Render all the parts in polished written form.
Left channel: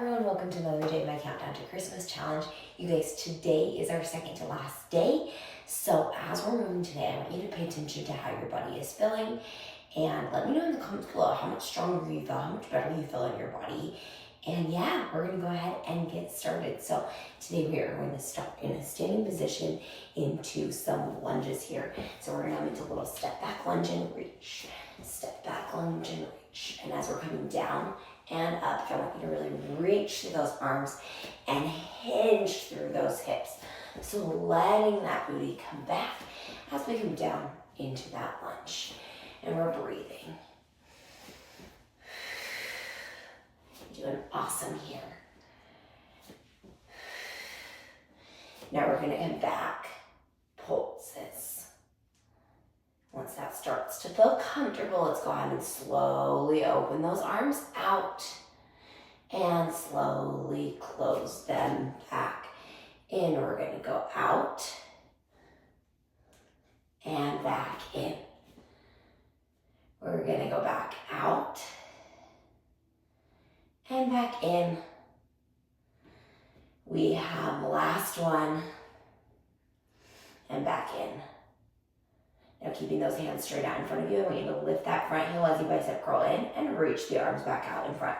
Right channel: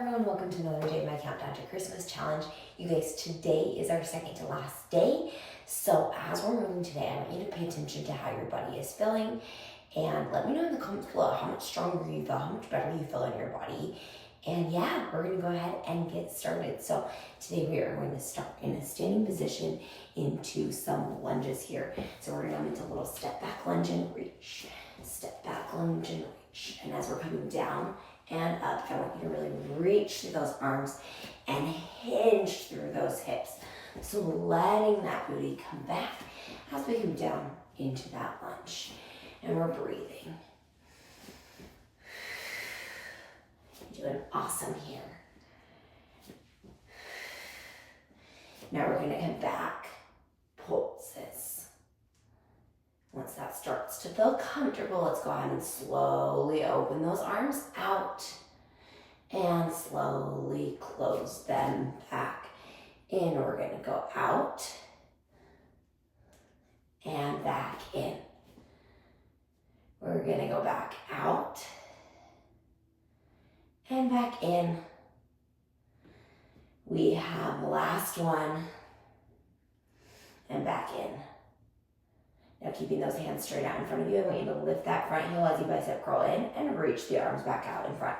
everyone, welcome to another day of my Countdown to Christmas challenge. You guys, today is our second to last day. So as we're moving today, I want you to pay attention to how your body is feeling and let me know in the comments below how much stronger you feel, how much better you feel in your body. And yeah, we're gonna go ahead and get started. So today we are going to start in a standing position into some lunges here. So we're gonna go into a little step back lunge and reach, step back lunge and reach. And as we're coming down and up, I want you to really reach through those arms and hinge through those hips. So letting that booty come back as we come down into that lunge. And we're breathing. You're doing awesome here. Now we're gonna come back, pulses. Once that starts to feel comfortable, let's go ahead and slowly open those arms out and slowly close them back in. We're gonna go out and back in. We're gonna go back out and back in. We have last one and back in. Now keeping those hands straight out in front of you, I want you to lift that front heel as you bicep curl in and reach the arms back out in front.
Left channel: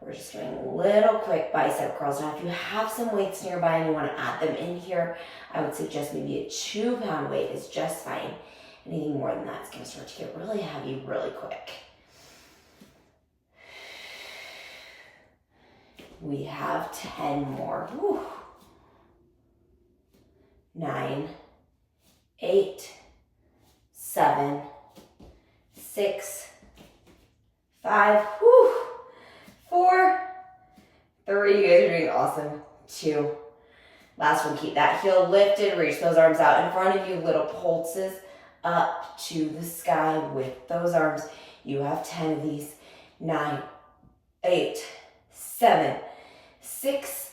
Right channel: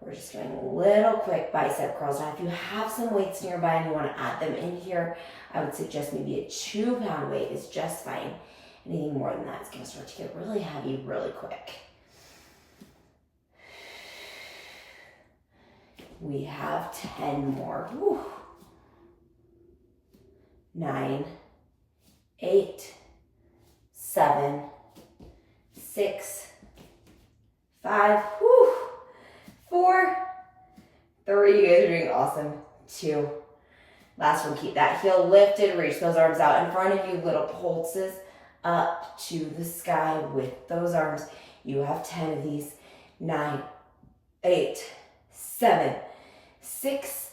We're just doing little quick bicep curls. Now if you have some weights nearby and you want to add them in here, I would suggest maybe a 2-pound weight is just fine. Anything more than that is going to start to get really heavy really quick. We have 10 more. Whew. 9, 8, 7, 6, 5, 4, 3. You guys are doing awesome. 2. Last one, keep that heel lifted. Reach those arms out in front of you. Little pulses up to the sky with those arms. You have 10 of these. 9, 8, 7, 6,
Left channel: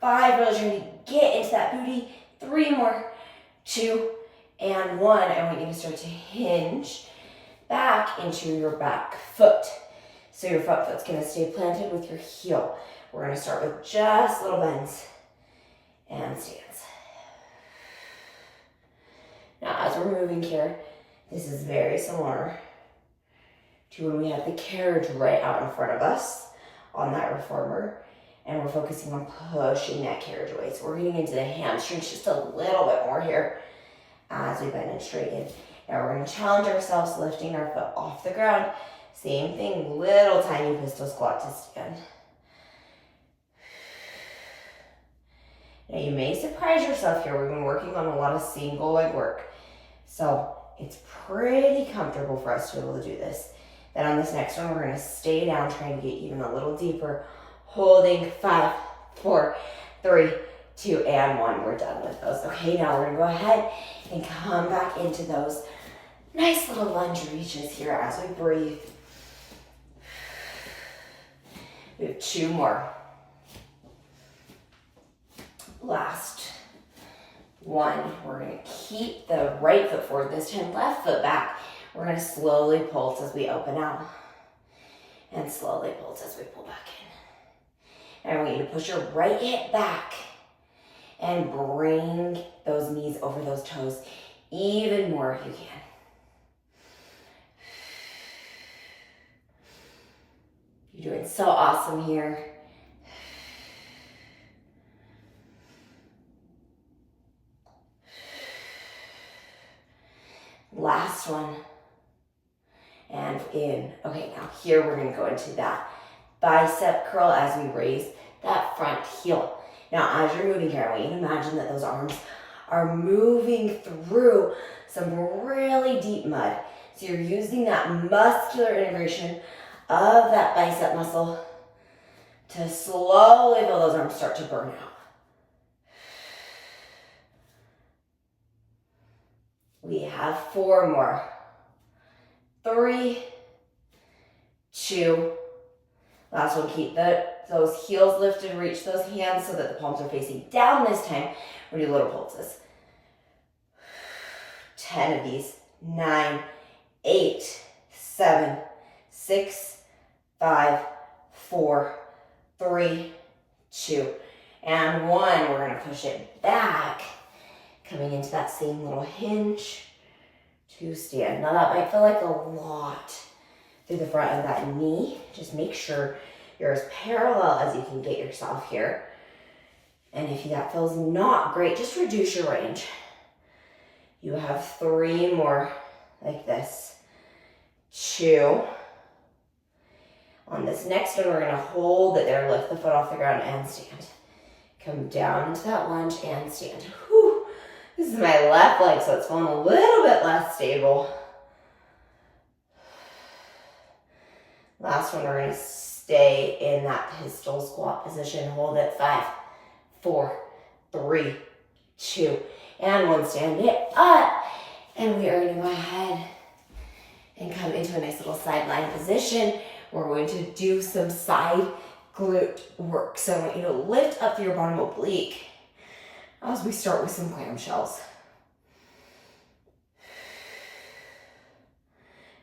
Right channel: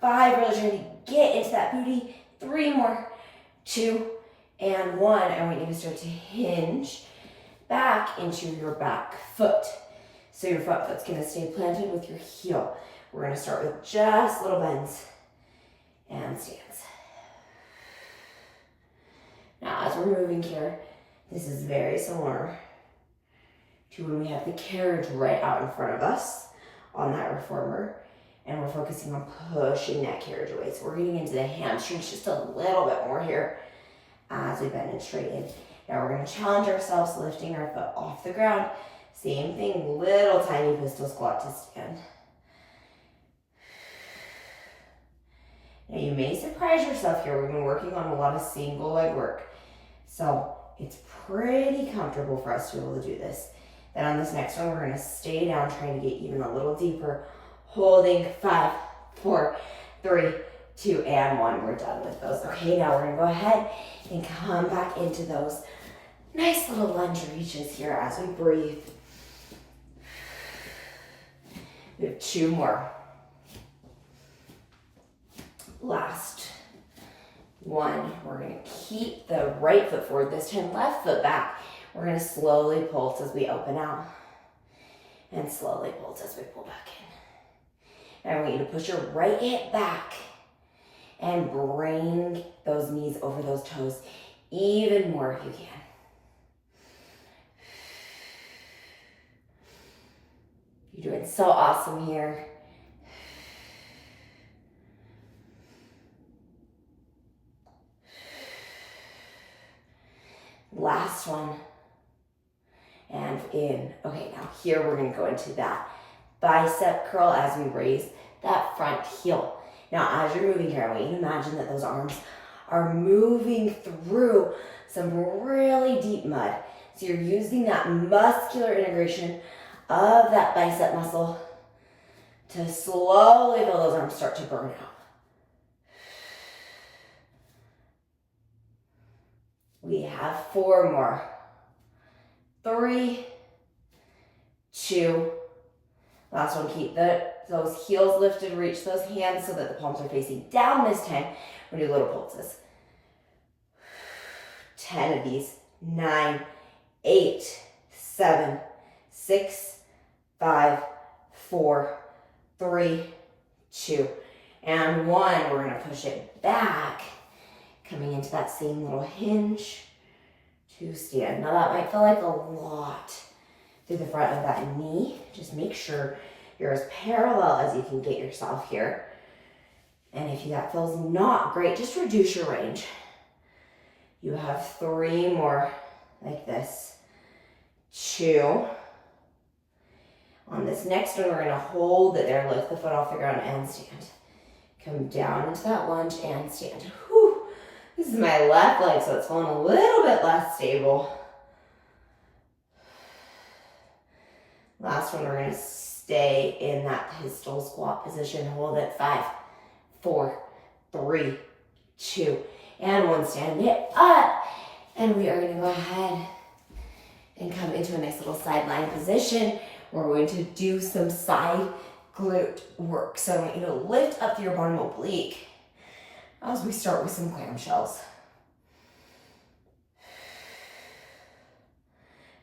5. Really trying to get into that booty. 3 more. 2 and 1. I want you to start to hinge back into your back foot. So your front foot's gonna stay planted with your heel. We're gonna start with just little bends and stands. Now as we're moving here, this is very similar to when we have the carriage right out in front of us on that reformer, and we're focusing on pushing that carriage away. So we're getting into the hamstrings just a little bit more here as we bend and straighten. Now we're gonna challenge ourselves, lifting our foot off the ground. Same thing, little tiny pistol squat to stand. Now you may surprise yourself here. We've been working on a lot of single leg work. So it's pretty comfortable for us to be able to do this. Then on this next one, we're gonna stay down, trying to get even a little deeper. Holding 5, 4, 3, 2, and 1. We're done with those. Okay, now we're gonna go ahead and come back into those nice little lunge reaches here as we breathe. We have 2 more. Last one. We're gonna keep the right foot forward, this time left foot back. We're gonna slowly pulse as we open out and slowly pulse as we pull back in. Now I want you to push your right hip back and bring those knees over those toes even more if you can. You're doing so awesome here. Last one. And in. Okay, now here we're gonna go into that bicep curl as we raise that front heel. Now as you're moving here, I want you to imagine that those arms are moving through some really deep mud. So you're using that muscular integration of that bicep muscle to slowly feel those arms start to burn out. We have 4 more. 3, 2. Last one, keep those heels lifted, reach those hands so that the palms are facing down this time. We're gonna do little pulses. 10 of these. 9, 8, 7, 6, 5, 4, 3, 2, and 1. We're gonna push it back, coming into that same little hinge to stand. Now that might feel like a lot through the front of that knee. Just make sure you're as parallel as you can get yourself here. And if that feels not great, just reduce your range. You have 3 more like this. 2. On this next one, we're gonna hold it there, lift the foot off the ground and stand. Come down into that lunge and stand. Whew. This is my left leg, so it's feeling a little bit less stable. Last one, we're gonna stay in that pistol squat position. Hold it. 5, 4, 3, 2, and 1. Stand it up. And we are gonna go ahead and come into a nice little sideline position. We're going to do some side glute work. So I want you to lift up your bottom oblique as we start with some clamshells.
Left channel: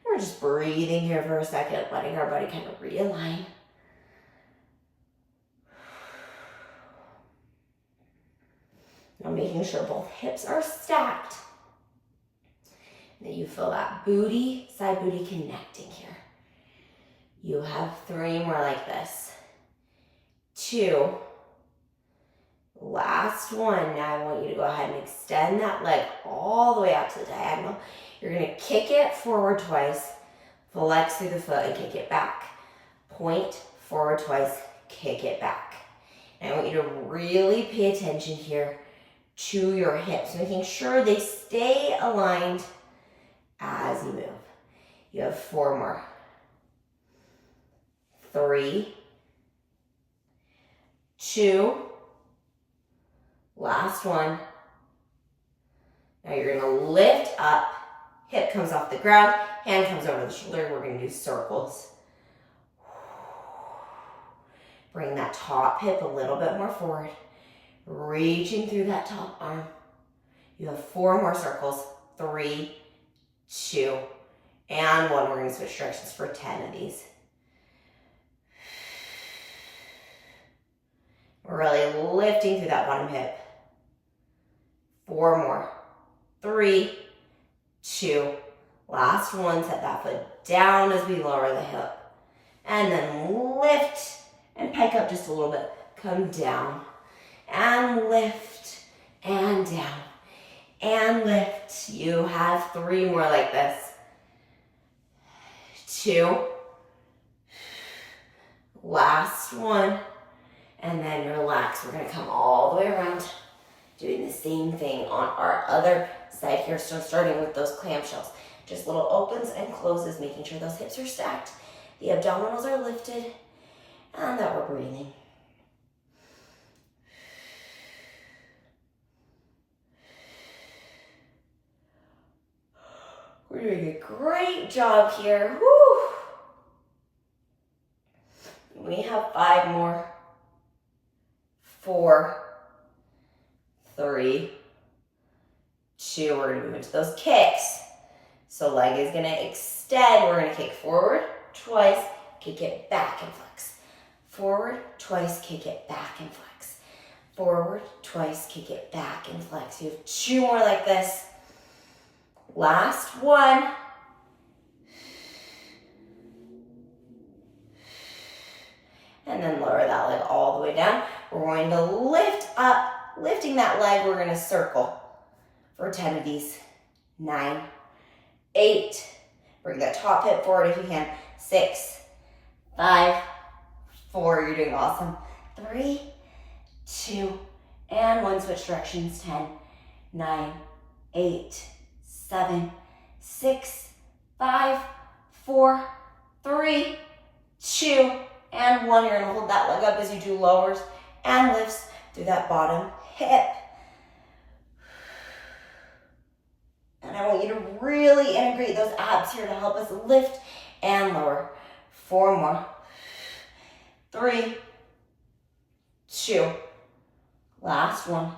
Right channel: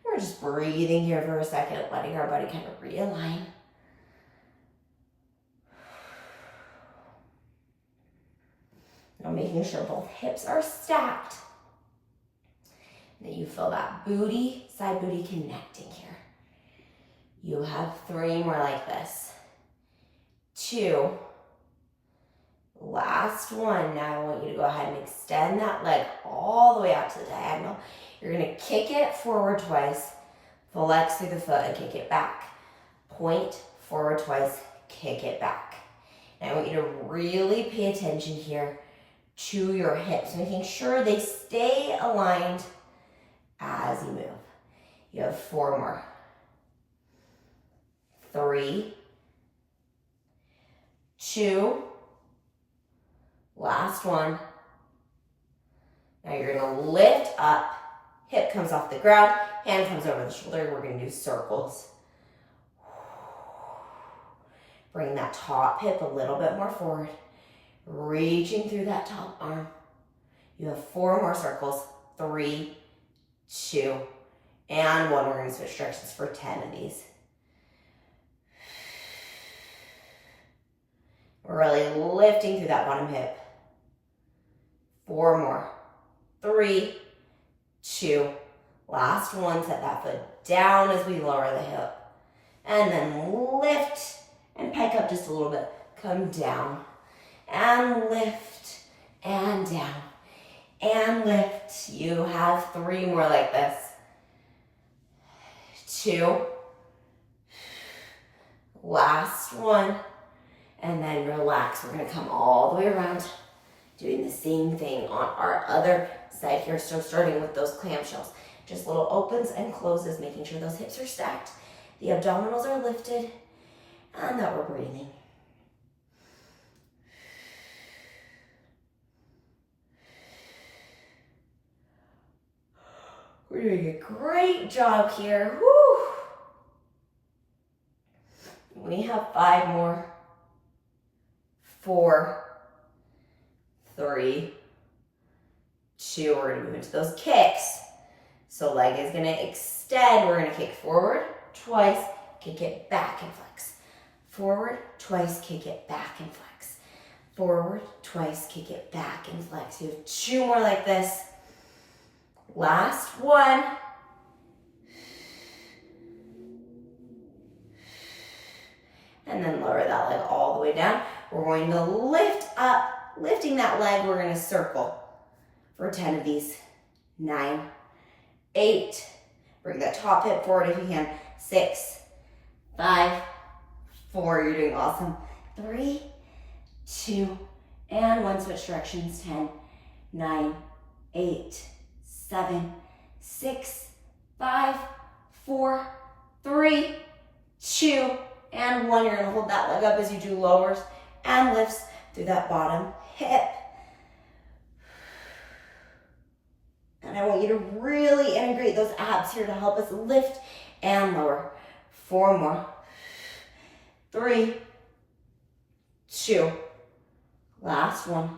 We're just breathing here for a second, letting our body kind of realign. Now making sure both hips are stacked. And that you feel that booty, side booty connecting here. You have 3 more like this. 2. Last one. Now I want you to go ahead and extend that leg all the way out to the diagonal. You're gonna kick it forward twice, flex through the foot and kick it back. Point forward twice, kick it back. And I want you to really pay attention here to your hips, making sure they stay aligned as you move. You have 4 more. 3, 2, last one. Now you're gonna lift up, hip comes off the ground, hand comes over the shoulder. We're gonna do circles. Bring that top hip a little bit more forward, reaching through that top arm. You have 4 more circles. 3, 2, and 1. We're gonna switch directions for 10 of these. We're really lifting through that bottom hip. 4 more. 3, 2, last one. Set that foot down as we lower the hip. And then lift and pike up just a little bit. Come down and lift and down and lift. You have 3 more like this. 2, last one. And then relax. We're gonna come all the way around, doing the same thing on our other side here. So starting with those clamshells. Just little opens and closes, making sure those hips are stacked. The abdominals are lifted, and that we're breathing. We're doing a great job here. Woo! We have 5 more. 4, 3, 2. We're gonna move into those kicks. So leg is gonna extend. We're gonna kick forward twice, kick it back and flex. Forward twice, kick it back and flex. Forward twice, kick it back and flex. You have 2 more like this. Last one. And then lower that leg all the way down. We're going to lift up, lifting that leg, we're gonna circle for 10 of these. 9, 8, bring that top hip forward if you can. 6, 5, 4, you're doing awesome. 3, 2, and 1, switch directions. 10, 9, 8, 7, 6, 5, 4, 3, 2, and 1. You're gonna hold that leg up as you do lowers and lifts through that bottom hip. And I want you to really integrate those abs here to help us lift and lower. 4 more. 3, 2, last one.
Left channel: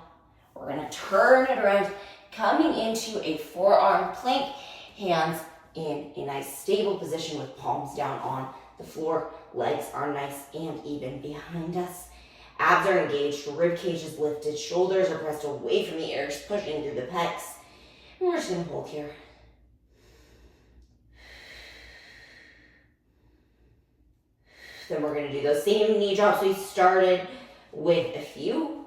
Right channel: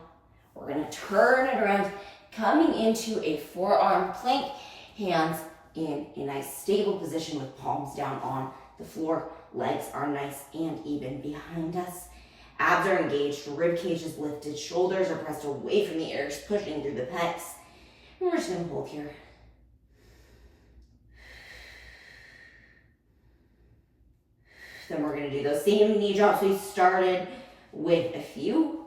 We're gonna turn it around, coming into a forearm plank, hands in a nice stable position with palms down on the floor. legs are nice and even behind us. Abs are engaged, rib cage is lifted, shoulders are pressed away from the ears, pushing through the pecs. And we're just gonna hold here. Then we're gonna do those same knee drops we started with a few,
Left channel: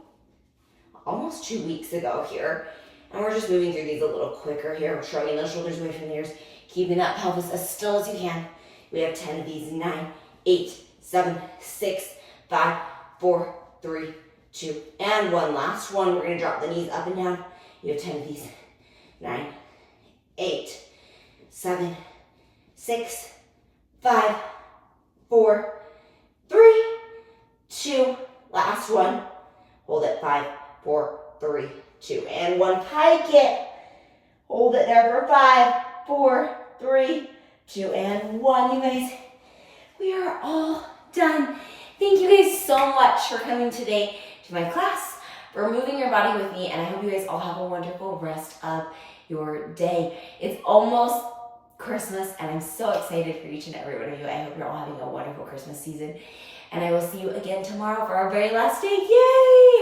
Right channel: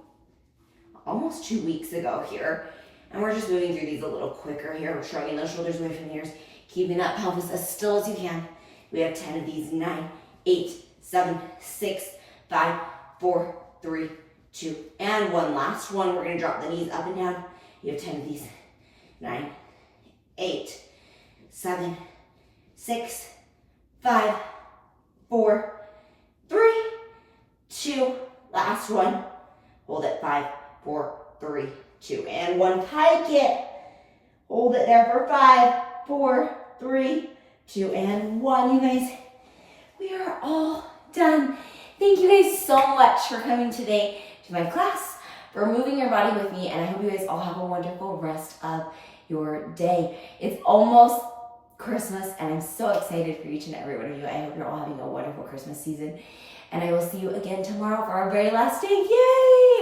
almost 2 weeks ago here. And we're just moving through these a little quicker here. We're shrugging those shoulders away from the ears, keeping that pelvis as still as you can. We have 10 of these, 9, 8, 7, 6, 5, 4, 3, 2, and 1. Last one, we're gonna drop the knees up and down. You have 10 of these, 9, 8, 7, 6, 5, 4, 3, 2, last one. Hold it, 5, 4, 3, 2, and 1. Pike it. Hold it there for 5, 4, 3, 2, and 1. You guys, we are all done. Thank you guys so much for coming today to my class, for moving your body with me, and I hope you guys all have a wonderful rest of your day. It's almost Christmas, and I'm so excited for each and every one of you. I hope you're all having a wonderful Christmas season, and I will see you again tomorrow for our very last day. Yay!